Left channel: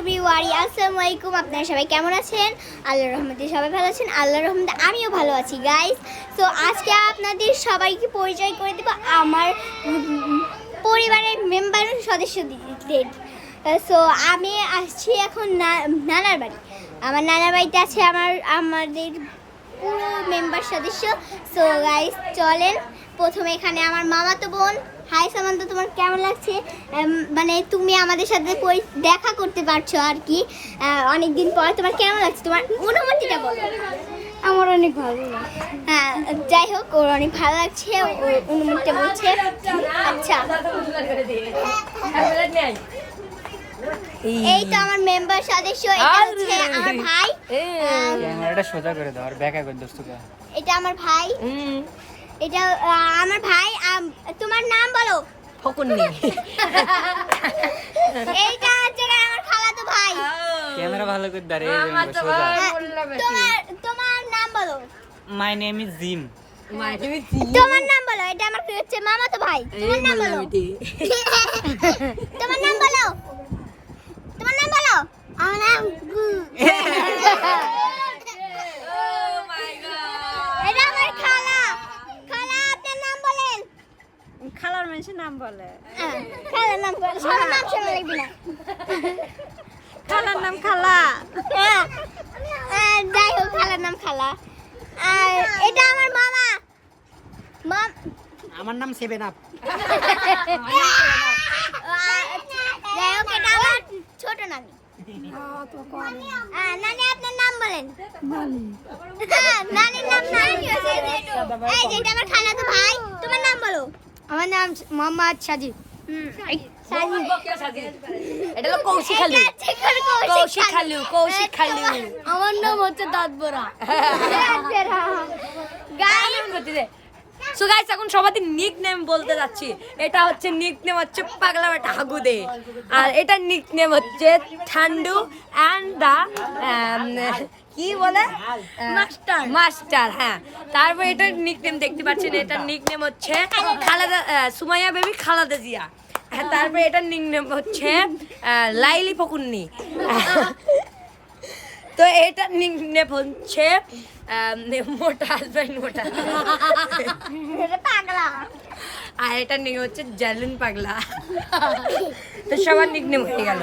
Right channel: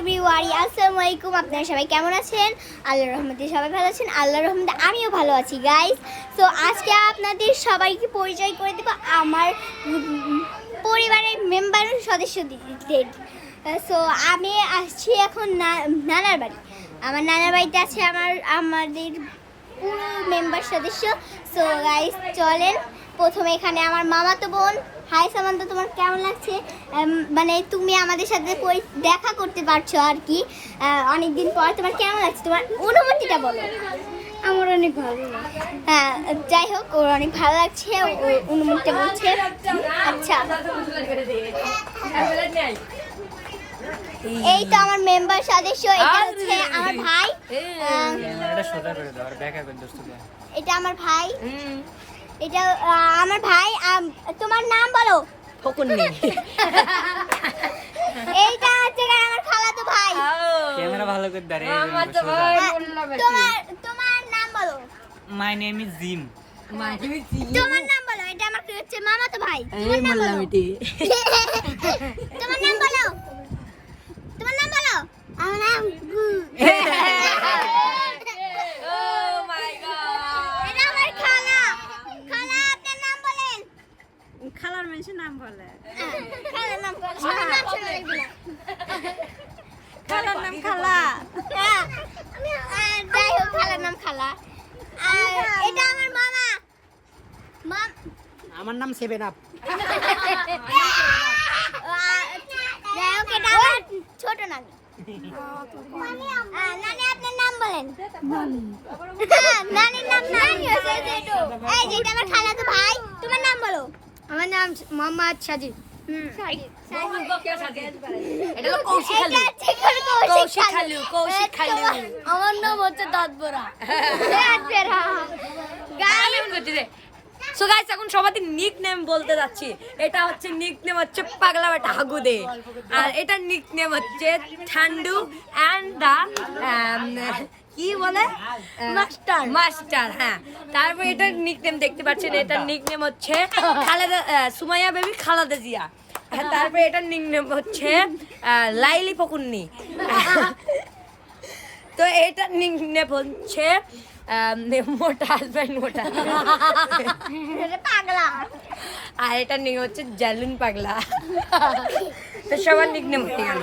Everyone, আসসালামু আলাইকুম। আপনারা সবাই কেমন আছেন? আল্লাহর রহমতে সবাই ভালো আছেন। আল্লাহর রহমতে আমিও ভালো আছি গাইস। তো আজকে আপনাদের সবাইকে পরিচয় করে দেব আমার পরিবারের মেম্বার সদস্যদের। সো আমি আসছি এখন নানার বাড়ি। আমার নানার বাড়িতে আছে আমাদের পুরো মেম্বার সদস্য। সো গাইস চলেন, প্রথমে এখানে আমার মামাতো বোন। হাই সামান্ত, তোমার কেমন লাগছে? মানে তুমি আমাদের সাথে দেখা করতে পারছো আর কি অনেকদিন পর। তোমার কেমন লাগছে? তোমার অনুমতিটা বলো। আমার অনেক ভালো লাগে। হ্যাঁ, যাই হোক, ওর অনেক ভালো লাগছে, ওর অনুমতিটা বলছে। আচ্ছা, এই তো আমার মেম্বার সদস্য। এটা হচ্ছে আমার ভাই। এটা আমার ভাই। এটা আমার ভাই। তোমার নাম বলো। ফকুন্নি। এইটা হচ্ছে আমার খালাতো ভাই। ক্যামেরা ভালো করে দাঁড়িয়ে তোমার নাম বলো। My name is gym. তোমার নাম বলো। এটা আমার হচ্ছে মামাতো ভাই। তোমার নাম বলো। তোমার নাম বলো। তোমার নাম বলো। আমার নাম গু। এটা আমার খালা। খালা, আপনার নাম বলেন। খালার মানুষের নাম বলে। খালার নাম বলো। আমার নাম শোনা লাগবে না। খালার নাম খালা। যাই হোক, খালার নাম খালা। আর এটা আমার মামা। আমার নাম সেভেন আপ। যাই হোক, এটা আমার ছোট নানি। নানি, আপনার নাম বলেন। নানির নাম নানি। এই যে এটা আমার খালাতো ভাই। তোমার নাম বলো। আমার নাম মোহাম্মদ সাজিদ। আমার নাম হচ্ছে দাঁতবরা। সো গাইস, এখন সবাই নিক নেম বলতে যাচ্ছি। এটা হচ্ছে নিক নেম হচ্ছে পাগলা বেটা হাগুদে, আর এটা নিক নেম হচ্ছে ঠান্ডু অ্যান্ড দা কি বলে মাস্টার। হ্যাঁ, তারপর এটার নিক নেম দেখতে পাচ্ছেন। এটার নিক নেম হচ্ছে খালেদা সুমাইয়া বেবি খালেদা জিয়া। হ্যাঁ, তারপর এটার নিক নেম হচ্ছে লাইলি ফকুন্নি। তো এটার নিক নেম হচ্ছে মোটা হাজব্যান্ড মোটা। পাগলা। আর এটার নিক হচ্ছে জালুন পাগলা। তো সবার নিক নেম হয়ে গেল।